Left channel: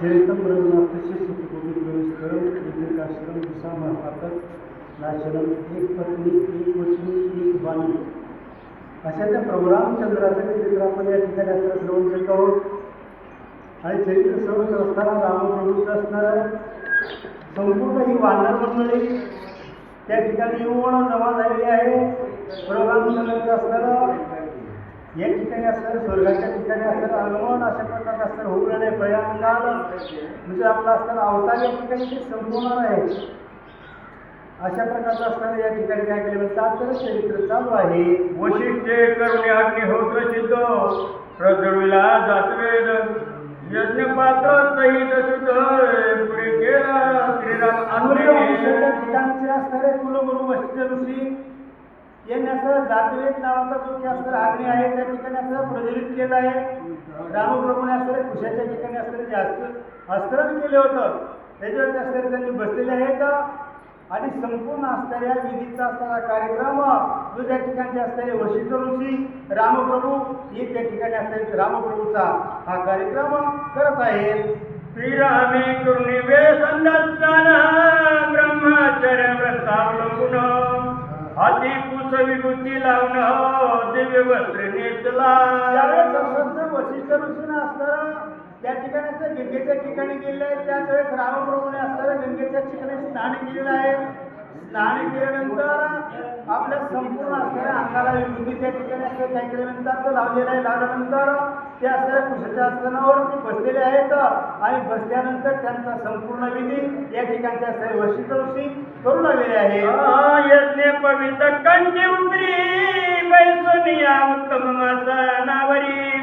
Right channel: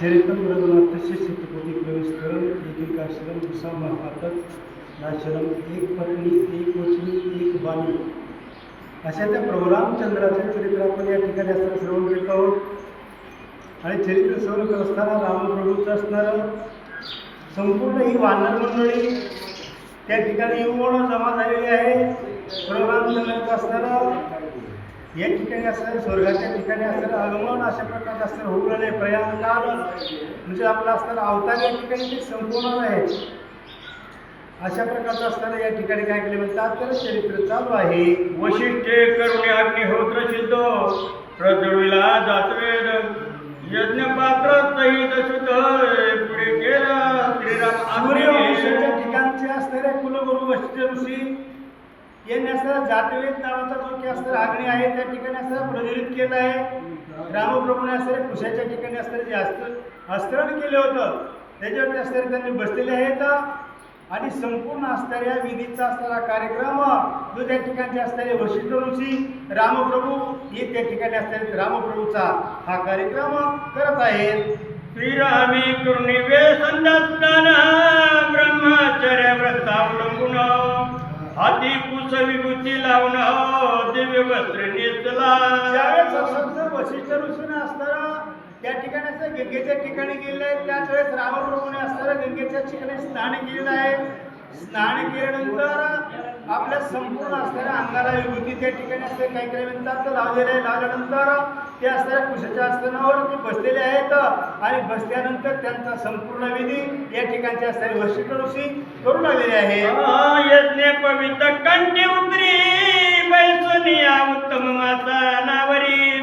चरित्रम रघुनाथस्य चित्रकोटी प्रवेशकरम एकाश्रम दुसरा महापातक नाशनम एक पत्नी एक वचनी एक बाणी अशा त्या प्रभू रामचंद्राचं चरित्र आपण या ठिकाणी असताना श्रवण करत आहोत। आणि चरित्र श्रवण करत असताना रामप्रभूचं असणारं संपूर्ण ही वानर मंडळी त्या ठिकाणी येऊन जमा झालेली आहे। प्रभू रामचंद्राचं असणारं या ठिकाणी असणारं स्वर्गाच्या ठिकाणी असणारं आगमन अशा प्रकारचं असणारं होऊ लागले प्रयाणकाल म्हणजे आपला असणारा अवतार या ठिकाणी ते संपवणार आहे। अशा प्रकारचं असताना या ठिकाणी काय केले म्हणतात तर चरित्र चालू आहे। वशिष्ठे करुणे अग्निहोत्र सिद्ध प्रज्वलिला जातवेद यज्ञपात्र सहित सुद्ध पुढे केला श्रीराम सूर्यवंशाच्या ठिकाणचे असणारे कुलगुरू वशिष्ठ ऋषी यांनी असं जातवेद नावाचा जो की असणारा अग्नी आहे त्या ठिकाणी असं प्रज्वलित केलं आहे। रामप्रभूने असणारे कुशाच्या ठिकाणी असणारे जास्त आस्तरण केले होतं त्याच्यावरती असणारे त्यांनी बसलेले आहेत। आणि संपूर्ण असणाऱ्या विधीचा असणारा कार्यक्रम जो त्या ठिकाणचे असणारे वशिष्ठ ऋषी रामप्रभू हे त्या ठिकाणी असणारे रामप्रभूचा हा कार्यक्रम करत आहेत। श्रीरामे करुणिवे संध्यास्नान ब्रह्मचर्य व्रतावलंबून हाती कुश विभूती लावून दिव्य वस्त्र नेसला। ज्यावेळेस असं वशिष्ठ ऋषीने असणारा त्या ठिकाणी असं गंगेच्या ठिकाणी गेलेलं आहे त्याच वेळेस रामप्रभूने असणारं गंगेच्या ठिकाणी स्नान केलेलं आहे। स्नान केल्यानंतर आपल्या संपूर्ण असणाऱ्या अंगाला विभूती त्या ठिकाणी असं काय केलं म्हणतात तर लावलेलं आहे। लावल्यानंतर ते असणाऱ्या कुशाच्या आसनावर ते बसलेले आहेत आणि बसल्यानंतर त्यांचा संपूर्ण विधी या ठिकाणचे असणारे वशिष्ठ ऋषी करू लागलेले आहे। यज्ञ पवित्र कंठी उतरी बैसुनिया उत्तम माता नावरी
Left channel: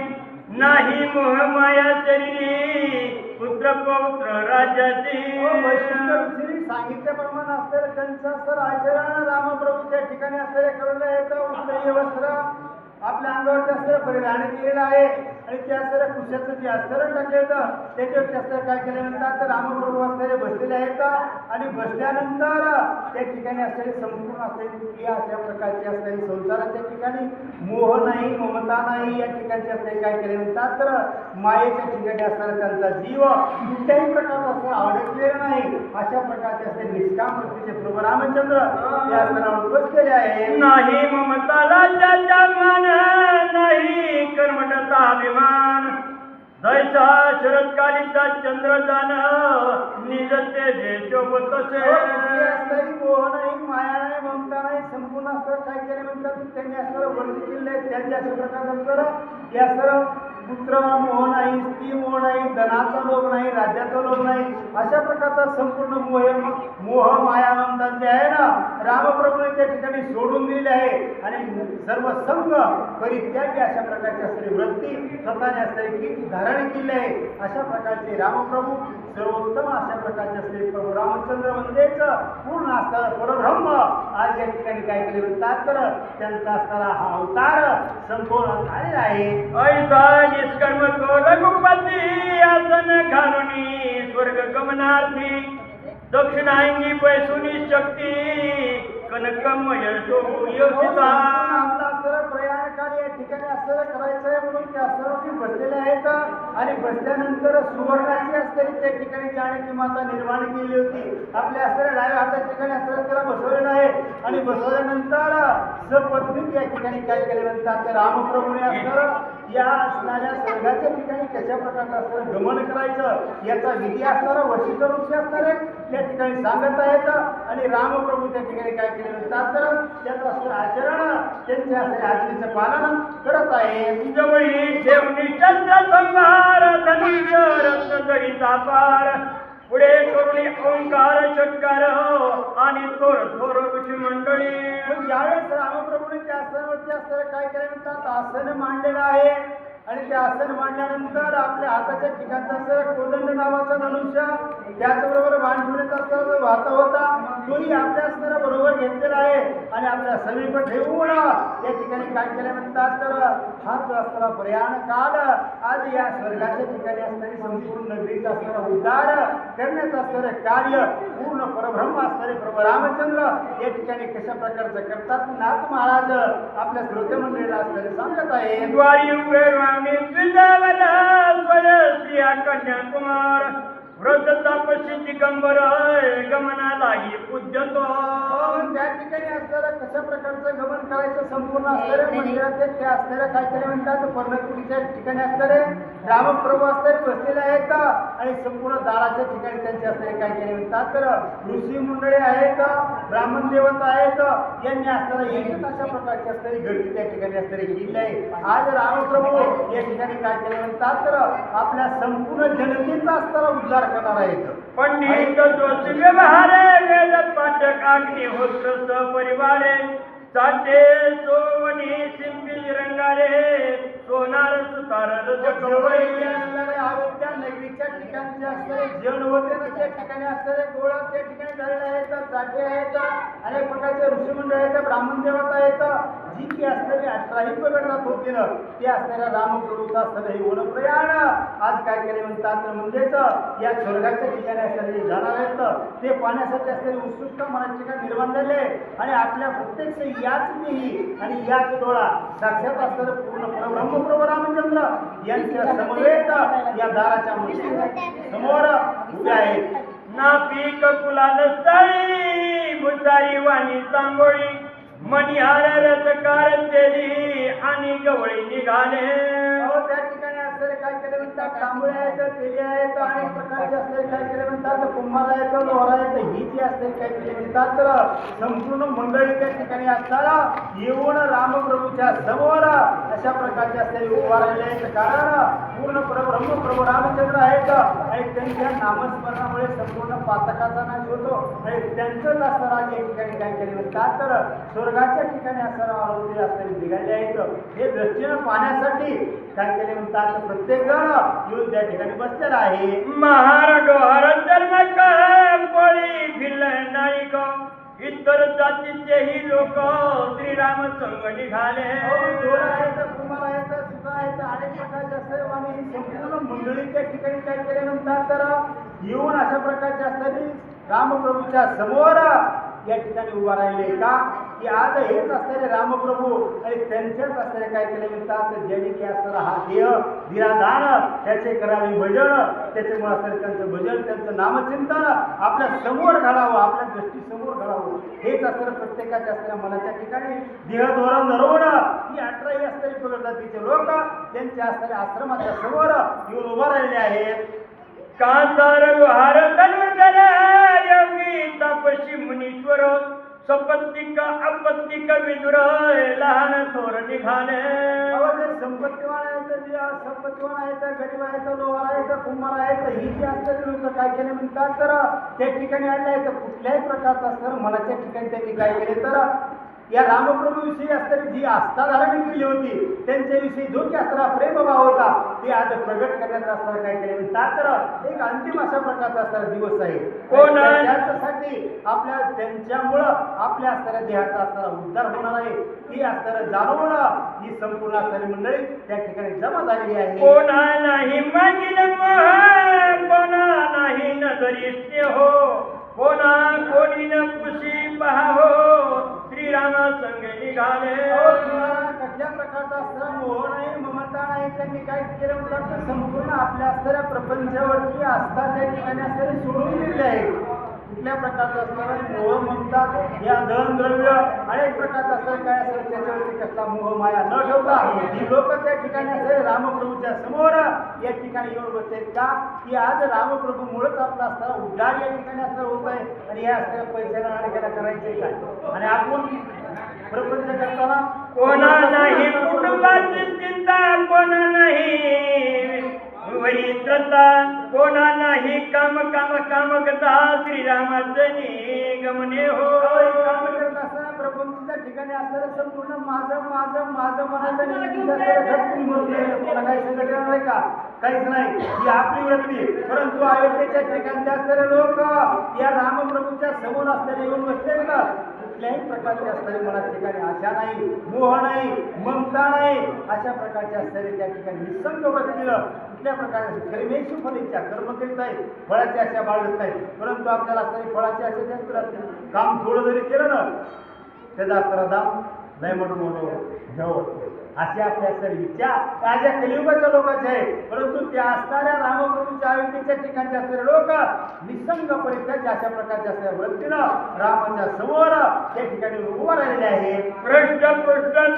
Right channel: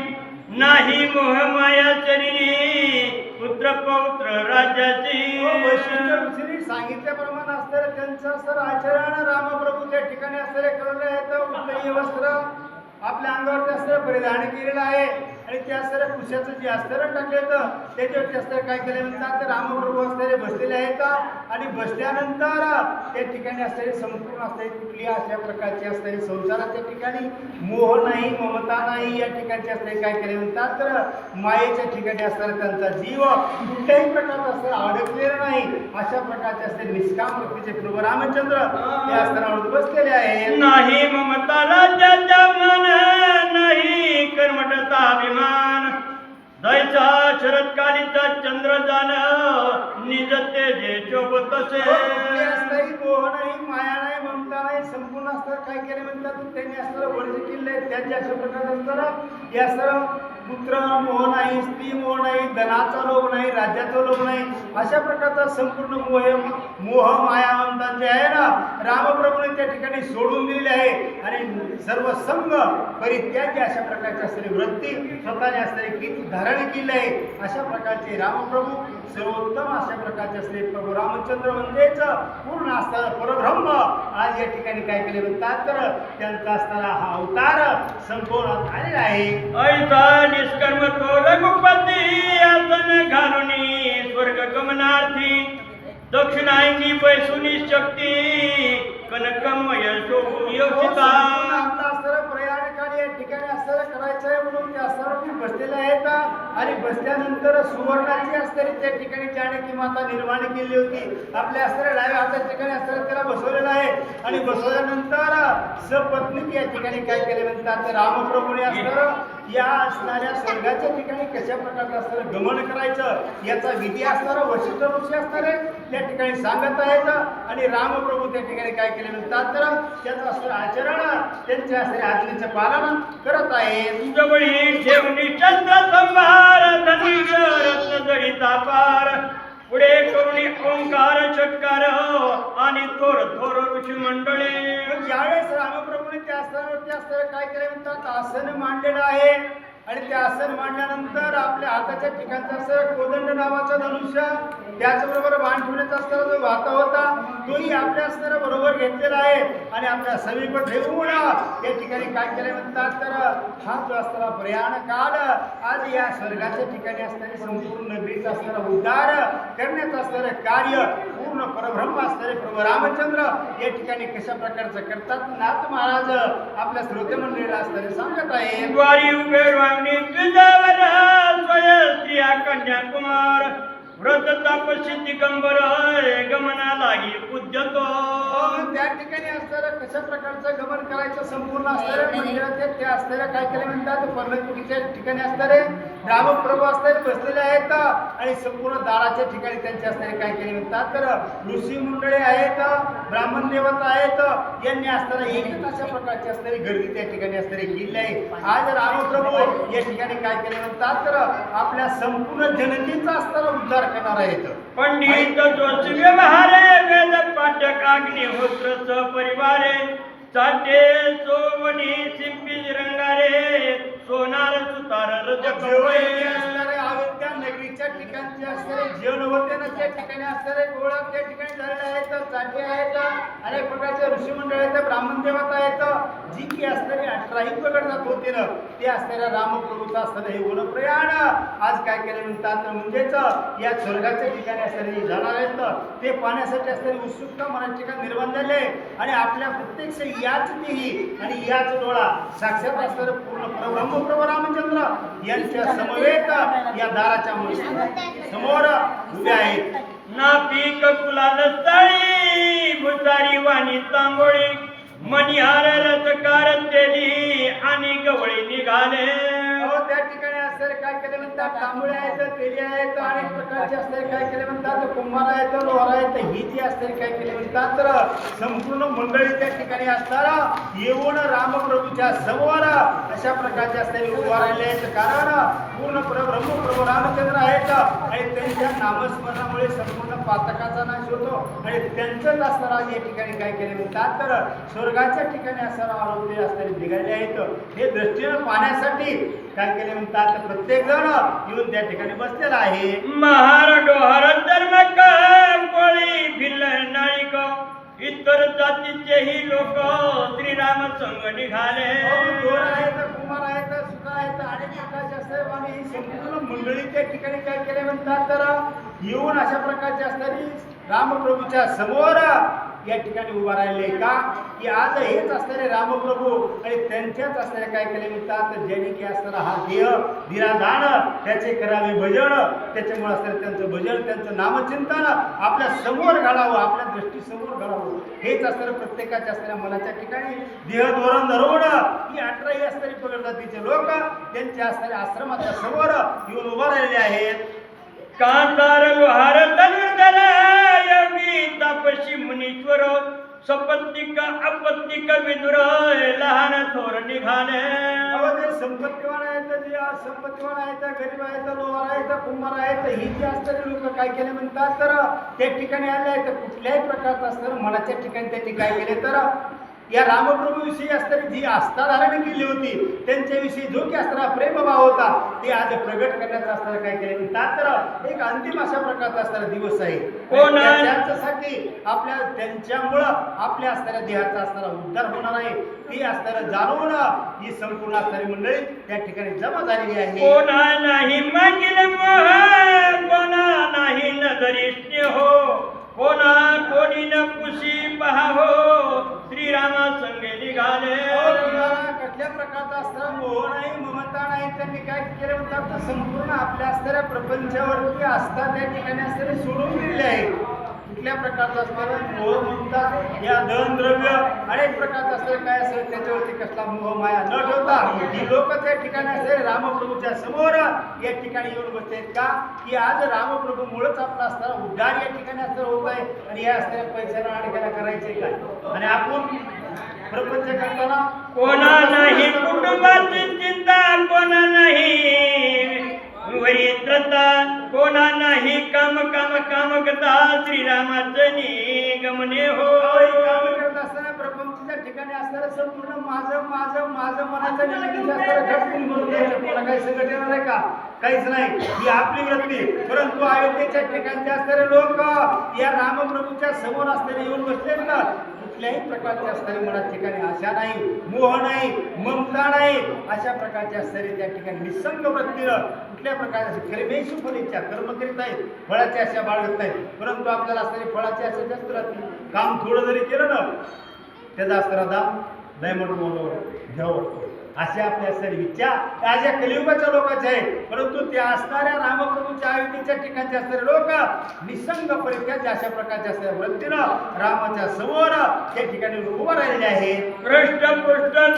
नाही मोह माया शरीरी पुत्र पौत्र राज्याची। वैशिष्ट्य ऋषींनी सांगितल्याप्रमाणे असणारे त्यांचं सर आचरण रामप्रभू त्या ठिकाणी असणारे केलेलं आहे। तर उत्तरीय वस्त्र आपल्या अंगावरती असणारं परिधान केलेलं आहे आणि त्या असणाऱ्या कुशाचं जे अस्तरण टाकले होतं त्याच्यावरती असणारं काय केलं म्हणतात तर रामप्रभू असणारे बसलेले आहेत आणि बसल्यानंतर त्या ठिकाणी असणारे संपूर्ण असणारी कुठली अशा प्रकारची असणारी संसारात त्या ठिकाणी मोह नाही ममता नाही या ठिकाणचे असणारे काय केले म्हणतात तर मायेच्या ठिकाणी असणारा त्यांचा जीव कुठल्याही प्रकारचा असणारा अडकलेला नाही अशा प्रकारचे असणारे निष्काम वृत्तीचे प्रभू रामचंद्र या असतानावर बसलेले आहेत। नाही ममता राज्याचा मान नाही कर्मठता अभिमान दैसा शरदकालीचा चंद्र जाण निज तेजे शोभत तसे। कुठली असणारी मोह नाही माया नाही ममता नाही संपूर्ण असतात काय केले म्हणतात त्यांनी असणारं वर्ज केले त्यांच्या अशा प्रकारचं असणारं या सर्व पुत्र मोह नाही स्त्री मोह नाही धनाचा लोभ नाही राज्याचा लोभ नाही अशा प्रकारचा संपूर्ण मोह माया ममता जे आहे ना रामप्रभूने त्या ठिकाणी सोडून दिलेले आहे आणि सर्व संग परित्यागी अशा प्रकारची असणारी वृत्ती स्वतःने असणारी कीर्ती धारण केली आहे। अशा प्रकारचे रामप्रभू सर्वोत्तम अशा प्रकारचे असले प्रभू रामचंद्र म्हणजेच पूर्ण असणारा परब्रह्म आज या ठिकाणी काय केले म्हणतात तर त्यांचा असणारा हा अवतार संपवण्यात आलेला आहे। निष्कर्म तो रघुपती आसन घालुनी स्वर्ग गमनार्थी दक्षिणांगी पैसुनी शक्ती कनकम योगिता। आपला असणारं प्रयाण कार्य या ठिकाणी असणारं करायचं आहे म्हणून ते असणारवरती बसलेले आहेत आणि बसल्यानंतर सुवर्णाची असणारी त्या ठिकाणी जानकी माता निर्माण केली होती आपल्या असणाऱ्या डाव्या हातात ठिकाणी असणारं त्याला बसवलेलं आहे आणि बसवल्यानंतर सपत्नीक या ठिकाणी काय केले म्हणतात रामप्रभूने असणारं या असणाऱ्या स्वर्गाच्या ठिकाणी कशा प्रकारचं असणारं गमन करायचं याचा विधी असणारा वशिष्ठ ऋषी असणारे त्या ठिकाणी सांगत आहेत आणि रामप्रभू त्या ठिकाणी काय केले म्हणतात तर त्याचं असणारं आचरण त्यांच्या असणाऱ्या आज्ञेचं पालन करत आहेत। जवळी ठेवणी चंद्र संभार धनुष्य जडिता पार पुढे करुणी ओंकार चटकार आणि थोर थोर ऋषी मंडळी। पण ज्यावेळेस रामप्रभूने त्या आसनावरती असणारं काय केलं म्हणतात आसन मांडलेलं आहे आणि ते आसन मांडल्यानंतर आपल्या हाताच्या ठिकाणचा असणारा कोदंड नावाचा धनुष्य त्याचबरोबर बाण ठेवण्याचा असणारा जो वाता होता तोही आपल्या असणारा बरोबर घेतलेला आहे आणि आपल्या समीप ठेवून या ठिकाणी काय केलं म्हणतात तर हा जो असणारा प्रयाण काल आज या स्वर्गाच्या ठिकाणी असणारी संपूर्ण नगरीचा असणारा उद्धार करण्याचं असणारं कार्य पूर्ण परब्रह्म असणारे प्रभू रामचंद्र या ठिकाणी कशा प्रकारचं करतात नाथ महाराज आपल्या श्रोते मंडळीला असणारे सांगत आहे। श्रावणी तुझ्यावर स्वय स्त्रिया कन्याकुमार व्रत तपस्वी दिगंबर गमना लागी उद्यतो. त्या ठिकाणी असणारं कशा प्रकारचं गमन करायचं संपूर्ण असणारे मंदिराचे ते असणारे काय केले म्हणतात पर्णकुटीच्या ठिकाणी असणारे रामप्रभू असणारे बसलेले आहेत आणि संपूर्ण दाराच्या ठिकाणी त्यांचे असणारे काय केले म्हणतात तर ऋषी मंडळी आहेत, ब्राह्मण देवता आहेत, यांनी असणारा एकच अशा प्रकारची असणारी गर्दी त्या ठिकाणी असणारी केली आहे. आज रामप्रभू या ठिकाणी काय केले म्हणतात तर आपल्या संपूर्ण जनतेचा असणारा उद्धार करणार आहेत. पंडित तोच व्यवहारे वेद पाठक अग्निहोत्र परिवारे चाटे सोवनी सिंपी रंगारे सोनार सुतार जेवढे असणारे अयोध्या नगरीच्या ठिकाणचे असणारे जेवण होते ना त्या ठिकाणी असणारे गोळा त्या ठिकाणी झालेले आहेत, चाटे आहेत, अनेक प्रकारचे ऋषी मंडळ आहेत, ब्राह्मण देवता आहेत, जी की असणारी 18 प्रगट जात होते ना ते असणाऱ्या रामप्रभूचं असणारं हे वन प्रयाण आज काय केले म्हणतात म्हणजेच या स्वर्गाच्या ठिकाणी असणारे जाणार आहेत ते पाहण्यासाठी असणारी उत्सुकता मनाच्या ठिकाणी निर्माण झाली आहे. आणि आपल्या प्रत्यक्ष याच देही आणि याच डोळा साक्षात असणारे पूर्ण परब्रह्म प्रभू रामचंद्र यांच्या समवेत या दाराच्या समोर उभे आहेत. ना पीक कुलाल स्थळी भुतारी वाणी तांबोळी मणिहार रथकार केली आणि गवळी निघाले. त्या ठिकाणी असणारे काय केले म्हणतात तांबळे आहेत, तेली आहेत, अनेक प्रकारचे असणारे काय केले म्हणतात कुंभार आहेत, लोहार आहेत, ही जी असणारे काय केले म्हणतात तर संपूर्ण मंडळी त्या ठिकाणी असताना येऊन रामप्रभूच्या समोर अशा प्रकारचे असणारे उभा राहिले आहेत. कारण पूर्ण परब्रह्म प्रभू रामचंद्र आहेत आणि त्यांच्या नामस्मरणामुळे संपूर्ण पातकाचा नाश होतो आणि त्यांचंच असणारा या ठिकाणी काय केले म्हणतात तर स्वर्गाच्या ठिकाणी असणारा आरोग्य असणारे निघाले आहेत. हे दृष्टीनं पाहण्यासाठी काय केले म्हणतात प्रत्येक जण येऊन त्या ठिकाणी बसलेला आहे. महार डोहार धर्म कोळी भिल्ल नाळिक इतर जातीचेही लोक श्रीराम संग निघाले. दोर आहेत, कुमार आहेत, सुद्धा आहेत, अनेक प्रकारचे असणारे आणि ही संपूर्ण मंडळी त्या ठिकाणी काय केले म्हणतात तर येऊन अशा प्रकारचे असणारी रामप्रभूच्या समोर या ठिकाणी उभा राहिले का की आज हेच असणारे रामप्रभू आणि त्यांच्याच असणारे काय केले म्हणतात ज्यांनी की असणारा हा देह दिरादान त्याचे करावे भजन, त्याच्यामुळे असणारे त्यांचं भजन त्यांचं नामचिंतन आपल्या समोर घडावं, आपल्या दृष्टीसमोर घडावं, हेच असणारं प्रत्येकाच्या असणाऱ्या मनाच्या ठिकाणी देह धोरण धरवून ही 18 असणारी पगड जातीचे लोक त्यांच्या असणाऱ्या आश्रमाच्या समोर येऊन उभा राहिलेले आहेत. कांतार लोहार धनुर्धर योगी तपशी मुनीश्वर सपत्तिक अपत्तिक विदुर लहान थोर निघाले. जे संपत्तीवान आहेत, जे असंपत्तीवान आहेत, गरीब आहेत, लोहार आहेत, कुंभार आहेत, ही जी असणारी लोक काय केले म्हणतात तर त्या ठिकाणी आले आहेत. कुठल्याही प्रकारचं असणारं मनाच्या ठिकाणी त्यांनी काय केले तर या रामप्रभूविषयी असणारी जी आस्था धारण केली होती त्यांच्याविषयी जो की असणारा प्रेमभाव होता ते आज प्रगट करण्याचा असणारा काय केले म्हणतात तर एक अंतिम अशा प्रकारचा असणारा दिवस आहे. त्याच्यासाठी आपल्या त्यांच्यामुळं आपल्या असणाऱ्या देहाचा असणारा उद्धार होणार आहे ती असणारं जाणून ही संपूर्ण असणारी मंडळी त्या ठिकाणी जमा झालेली आहे. कोणा नाही मागील मोह कोणा नाही नजरी स्नेह कोणा कोणी न पुशी पहावो श्रीराम संगे निघाले. कुठल्या प्रकारचा असणारा मोह नाही, ममता नाही, त्यांनी काय केले म्हणतात तर संपूर्ण आपल्या असणाऱ्या प्रपंचावरती आस्था त्या ठिकाणी असणारे सोडून दिलेले आहे. कुठल्या प्रकारचा असणारा मोह ममता या धन द्रव्य अनेक प्रकारचा असणारं काय असेल त्याच्यावरती कसला मोह माया न ठेवता ही लोक त्या ठिकाणी असणारे रामप्रभूच्या समोर या ठिकाणी येऊन बसले का की आज रामप्रभूमुळेच आपला असणारा उद्धार या ठिकाणी असणारा होत आहे आणि या असणाऱ्या पैशाला अडकायला करायचंय काय आणि आपण प्रपंच करताना कोणा नाही कुटुंबाची चिंता कोणा नाही वरित्रता कोणा नाही काम काम काम करता श्रीरामाचं निगमने हो. काम करत असताना प्रपंचच्या ठिकाणी असणारं संपूर्ण माझं माझं माझं मनाचं निमित्त असणारं घटकून भरून द्यायचं. कोणा काही संकट येणार आहे का? काहीच नाही, ही आपली वृत्ती. परंतु अयोध्येच्या ठिकाणचे असणारे लोक या रामप्रभूच्या समोर असणारे येऊन बसलेत ना कुठल्याही प्रकारची असणारी मनात ठिकाणी आशा नाही, मोह नाही, ममता नाही, अशा प्रकारचे असणारे त्या ठिकाणी निसंग वृत्तीनं कुठल्या प्रकारचे कर्मेशु फलिच्छा कर्म करीत आहेत, फळाची आशा बाळगत नाहीत. परंतु आपल्याला असणारी फळाची आशा जास्त राहते. काम थोडं जरी केलं ना त्याचा असणारा दाम लय मोठं घ्यावं वाटतं. असे आपल्या सर्व इच्छा आज या कलियुगाच्या लोकांच्या आहे. परंतु त्या असणाऱ्या रामप्रभूच्या अयोध्येच्या ठिकाणचे असणारे लोक निसंगपरित्या अशा प्रकारच्या असणाऱ्या वृत्तीनं रामाच्या समोर त्या ठिकाणी उभा राहिलेले आहेत. पृष्ठ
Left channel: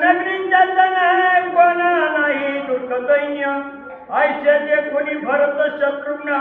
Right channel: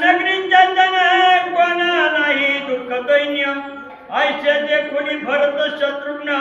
नगरीच्या जन कोणा नाही दुःख दैन्य ऐसे ते कोणी भरत शत्रुघ्न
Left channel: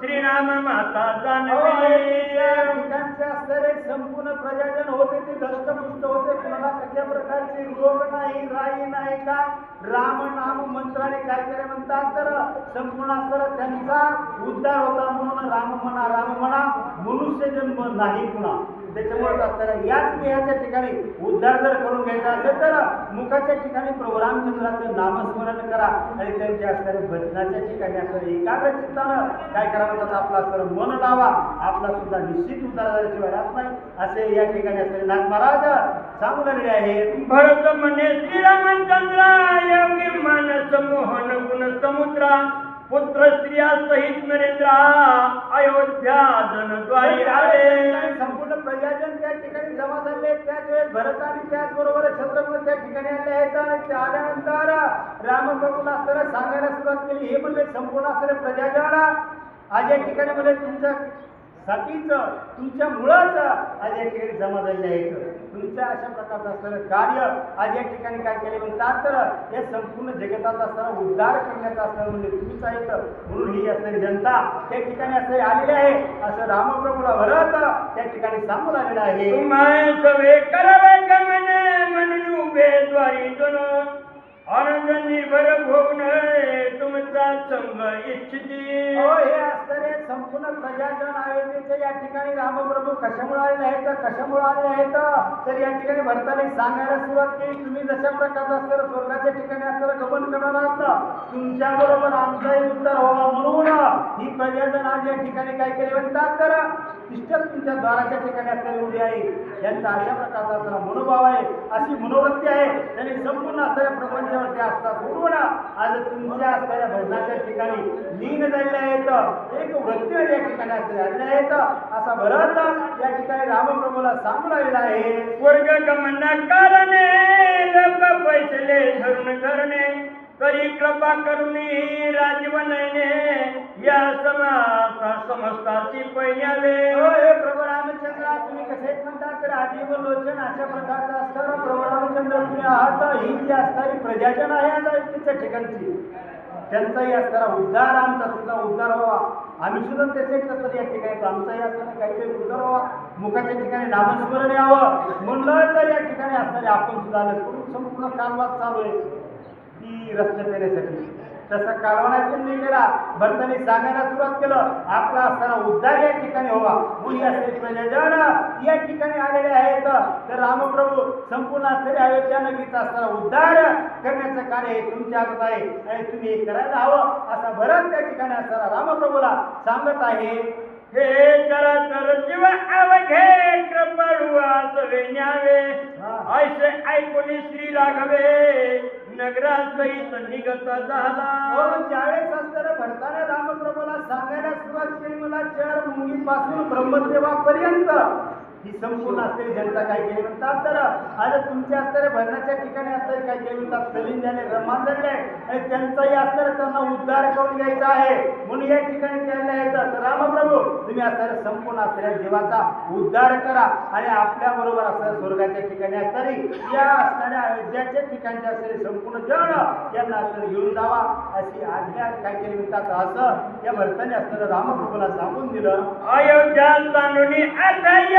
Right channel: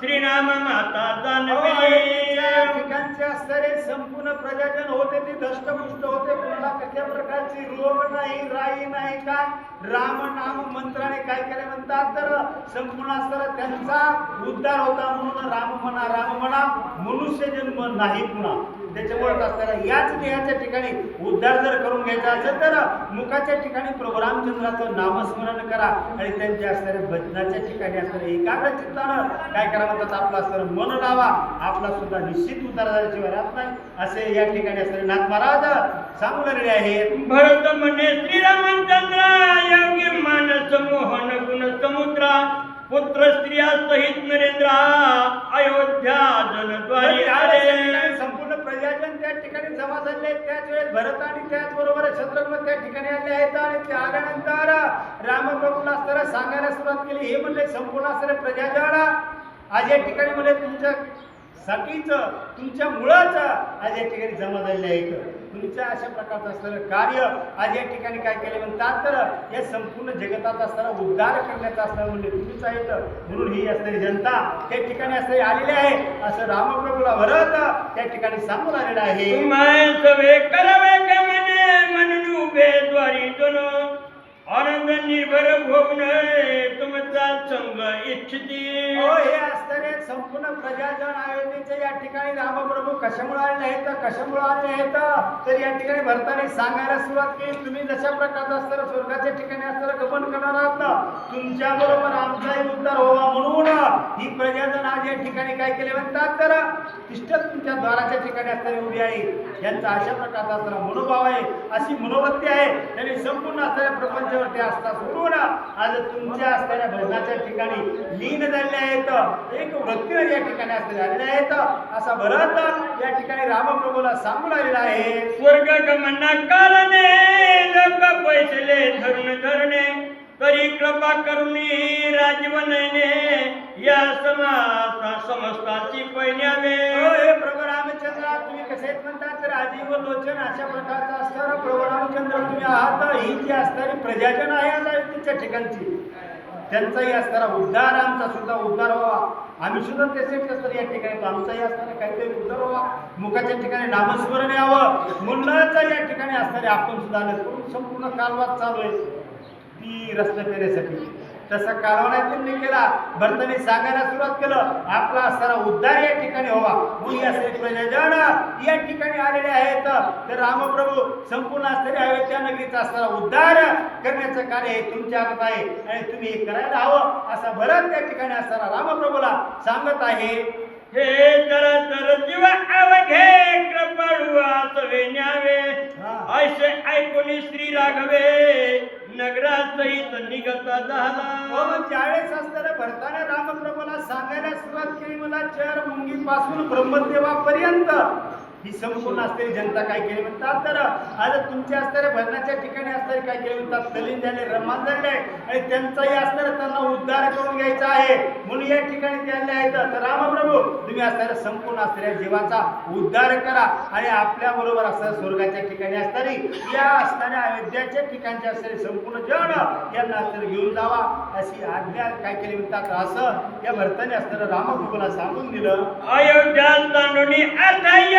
श्रीराम माता अयोध्येच्या जानवी. ठिकाणचे असणारे संपूर्ण प्रजाजन होते ते दष्टपुष्ट होते. कुणाला कसल्या प्रकारची रोग नाही, राई नाही का राम नाम मंत्राने काय केले म्हणतात तर संपूर्ण असणारा त्यांचा उद्धार होता. म्हणून राम म्हणा मनुष्य जन्म नाही पुन्हा. त्याच्यामुळे असणाऱ्या याच देहाच्या ठिकाणी उद्धार जर करून घ्यायचा असेल तर मुखाच्या ठिकाणी प्रभू रामचंद्राचं नामस्मरण करा आणि त्यांच्या असणाऱ्या भजनाच्या ठिकाणी असणाऱ्या एकाग्र चित्तानं काय करा म्हणतात आपलं असणारं मन लावा. आपला सुद्धा निश्चित उद्धार झाल्याशिवाय राहत नाही असे या ठिकाणी असणारे नाथ महाराज सांगू लागले आहेत. भरत म्हणे श्रीरामचंद्र योगी मानस मोहन गुण समुद्रा पुत्र स्त्रिया सहित नरेंद्र अयोध्या जनद्वारी आले. संपूर्ण प्रजाजन त्या ठिकाणी जमा झाले. त्याच वेळेस भरत आणि त्याचबरोबर शत्रुघ्न त्या ठिकाणी आले आहेत आणि ते आल्यानंतर रामप्रभूला असताना सांगायला सुरुवात केली. हे म्हणले संपूर्ण असणारे प्रजाजन आज या ठिकाणी म्हणजे तुमच्या साठीच तुमच्या मुळाच आज या ठिकाणी जमा झालेले आहेत. तुमच्या अशा प्रकारचं असणारं कार्य आज या ठिकाणी काय केले म्हणतात तर या संपूर्ण जगताचा असणारा उद्धार करण्याचा असणारा म्हणजे तुम्हीच आहेत. म्हणून ही असणारी जनता त्या ठिकाणी असणारी आलेली आहे असं रामप्रभूला भरत त्या ठिकाणी सांगून आलेलं आहे. माय करावे गमने म्हणून उभे द्वारी जणू आनंद निर्भर होऊन तुमचा संग इच्छिती. हे असणारे संपूर्ण प्रजाजन अयोध्येच्या या ठिकाणी रामप्रभू कशामुळे आलेले आहेत कशामुळे आलेले आहेत तर या ठिकाणी भरताने सांगायला सुरुवात केली. तुम्ही जशा प्रकारचं असणारं स्वर्गाच्या ठिकाणी असणारं गमन करणार आहात तुमच्या बरोबर आमचाही उद्धार व्हावा म्हणून ही प्रजाजन आज या ठिकाणी काय केले म्हणतात तर तिष्ठत तुमच्या द्वाराच्या ठिकाणी असणारी उभी आहे. यांचा अशा प्रकारचा असणारा मनोभाव आहे, अशी मनोवृत्ती आहे. त्यांनी संपूर्ण असणाऱ्या प्रपंचावरती आस्था सोडून आज तुमच्या असणाऱ्या भजनाच्या ठिकाणी लीन झालेले आहेत. एक वृत्तीने या ठिकाणी असलेले आलेले आहेत असा भरत या ठिकाणी रामप्रभूला सांगू लागलेला आहे. स्वर्ग गमना कारणे लोक बैसले धरून धरणे तरी कृपा करुणी राजवनने या समस्ताची पैण्यावे. हे प्रभू रामचंद्र तुम्ही कसे म्हणतात तर आजीव लोचन अशा प्रकारचा असणारा प्रभू रामचंद्र तुम्ही आहात. ही जी असणारी प्रजाजन आहे आज अयोध्येच्या ठिकाणची त्यांचाही असणारा उद्धार आमचा सुद्धा उद्धार व्हावा. आम्ही सुद्धा त्यासाठी असणार या ठिकाणी तो आमचाही असणारा काहीतरी उद्धार व्हावा. मुखाच्या ठिकाणी नामस्मरण यावं म्हणूनच या ठिकाणी असणारे आपण सुद्धा आले. पण संपूर्ण कालवाद चालू आहे ती रस्ते पेरण्यासाठी. तसा कालवा त्यांनी केला. भरताने सांगायला सुरुवात केलं आपला असणारा उद्धार या ठिकाणी व्हावा म्हणून या सर्व प्रजाजन या ठिकाणी आलेले आहेत. तर रामप्रभू संपूर्ण असणारे अयोध्या नगरीचा असणारा उद्धार करण्याचं कार्य हे तुमच्या हातात आहे आणि तुम्ही हे करायला हवं असा भरत त्या ठिकाणी असणारा रामप्रभूला सांगत आहे. हे तर जीव अवघे कृपळुआचवे न्यावे ऐसे ऐकून श्री राघवे नगरासहित निघत झाला. ज्यावेळेस असताना भरताने रामप्रभूला सांगायला सुरुवात केली मला चर मुंगीपासून ब्रह्मदेवापर्यंत ही संपूर्ण असलेली जनता काय केली म्हणतात तर आज तुमच्या असणाऱ्या भजनाच्या ठिकाणी असणारे काय केले म्हणतात तलीन झाले रमान झाले आणि त्यांचाही असणारं त्यांना उद्धार करून घ्यायचा आहे म्हणून या ठिकाणी ते आले आहेत. तर रामप्रभू तुम्ही असणाऱ्या संपूर्ण असणाऱ्या जीवाचा उद्धार करा आणि आपल्या बरोबर असणाऱ्या स्वर्गाच्या ठिकाणी असणारी या असणाऱ्या अयोध्याच्या ठिकाणचे असणारे संपूर्ण जन यांना असणारे घेऊन जावा अशी आज्ञा काय केली म्हणतात असं या भरताने असणारं रामप्रभूला सांगून दिलं. अयोध्या तांडुनी अर्ध्या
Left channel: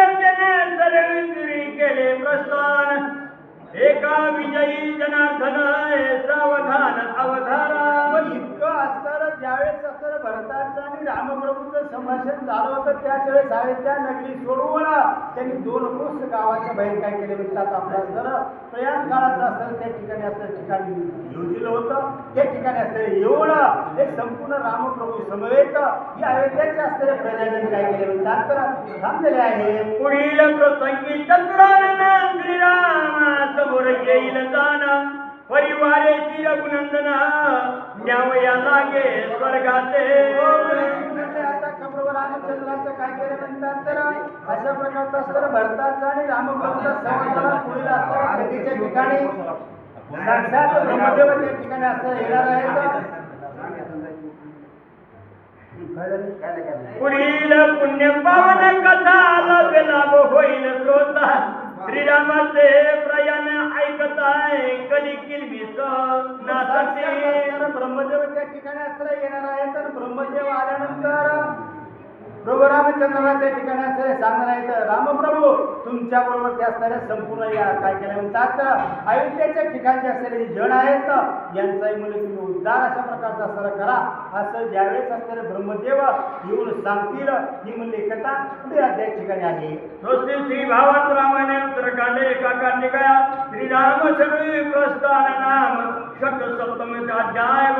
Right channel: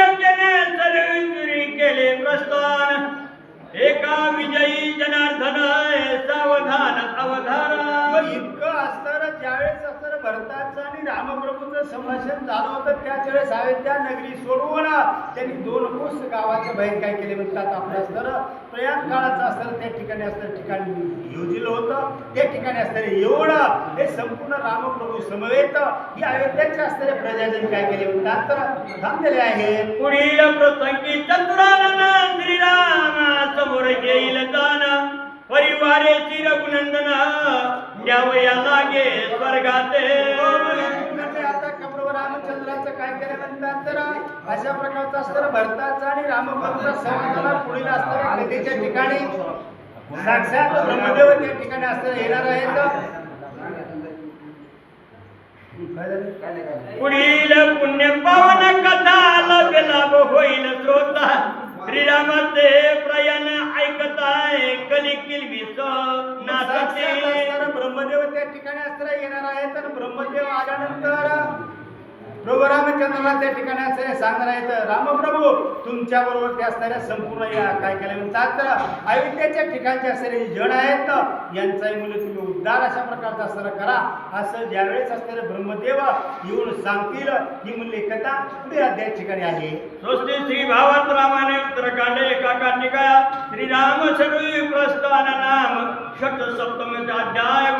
केले प्रस्थान एका विजयी जनार्दन सावधान अवधान. इतकं असताना ज्यावेळेस असताना भरताचं आणि रामप्रभूचं संभाषण झालं होतं त्याच वेळेस अयोध्या नगरी सोडवून त्यांनी 2 कोस गावाच्या बाहेर काय केले म्हणतात आपलं असताना प्रयाण काळाचं असताना त्या ठिकाणी असताना ठिकाणी योजिलं होतं. त्या ठिकाणी असताना येऊन हे संपूर्ण रामप्रभू समवेत या अयोध्याच्या असणारे प्रजाजन काय केले म्हणतात तर थांबलेले आहेत. पुढील प्रसंगी चतुरानन श्रीराम समोर येईल दान परिवारे रघुनंदन न्यावया लागे स्वर्गाते. आता प्रभू रामचंद्राचं काय केलं म्हणतात तर अशा प्रकारचं असणारं भरताचा आणि रामप्रभूचा संवाद झाला. पुढील असणाऱ्या नदीच्या ठिकाणी साक्षात ब्रह्मदेव त्या ठिकाणी असताना येणार आहेत. काय झालं? पुढील पुण्य पावन कथा लाभ होईल श्रोता श्रीरामाचे प्रयाण ऐकताय कली किलबिस साक्षात असताना ब्रह्मदेव त्या ठिकाणी असताना येणार आहेत आणि ब्रह्मदेव आल्यानंतर प्रभू रामचंद्राला त्या ठिकाणी असणारे सांगणार आहेत, रामप्रभू तुमच्या बरोबर ते असणाऱ्या संपूर्ण या काय केलं म्हणतात तर अयोध्येच्या ठिकाणचे असणारे जे जण आहेत यांचाही मूल्य तुम्ही उद्धार अशा प्रकारचा असणारा करा. असं ज्यावेळेस असणारे ब्रह्मदेव येऊन सांगतील ही मूल्य कथा पुढे त्या ठिकाणी आहे. स्वस्ति श्री भावात रामाने उत्तरकांडे एका टीका श्रीराम सगळी प्रस्थान नाम षट सप्तमी अध्याय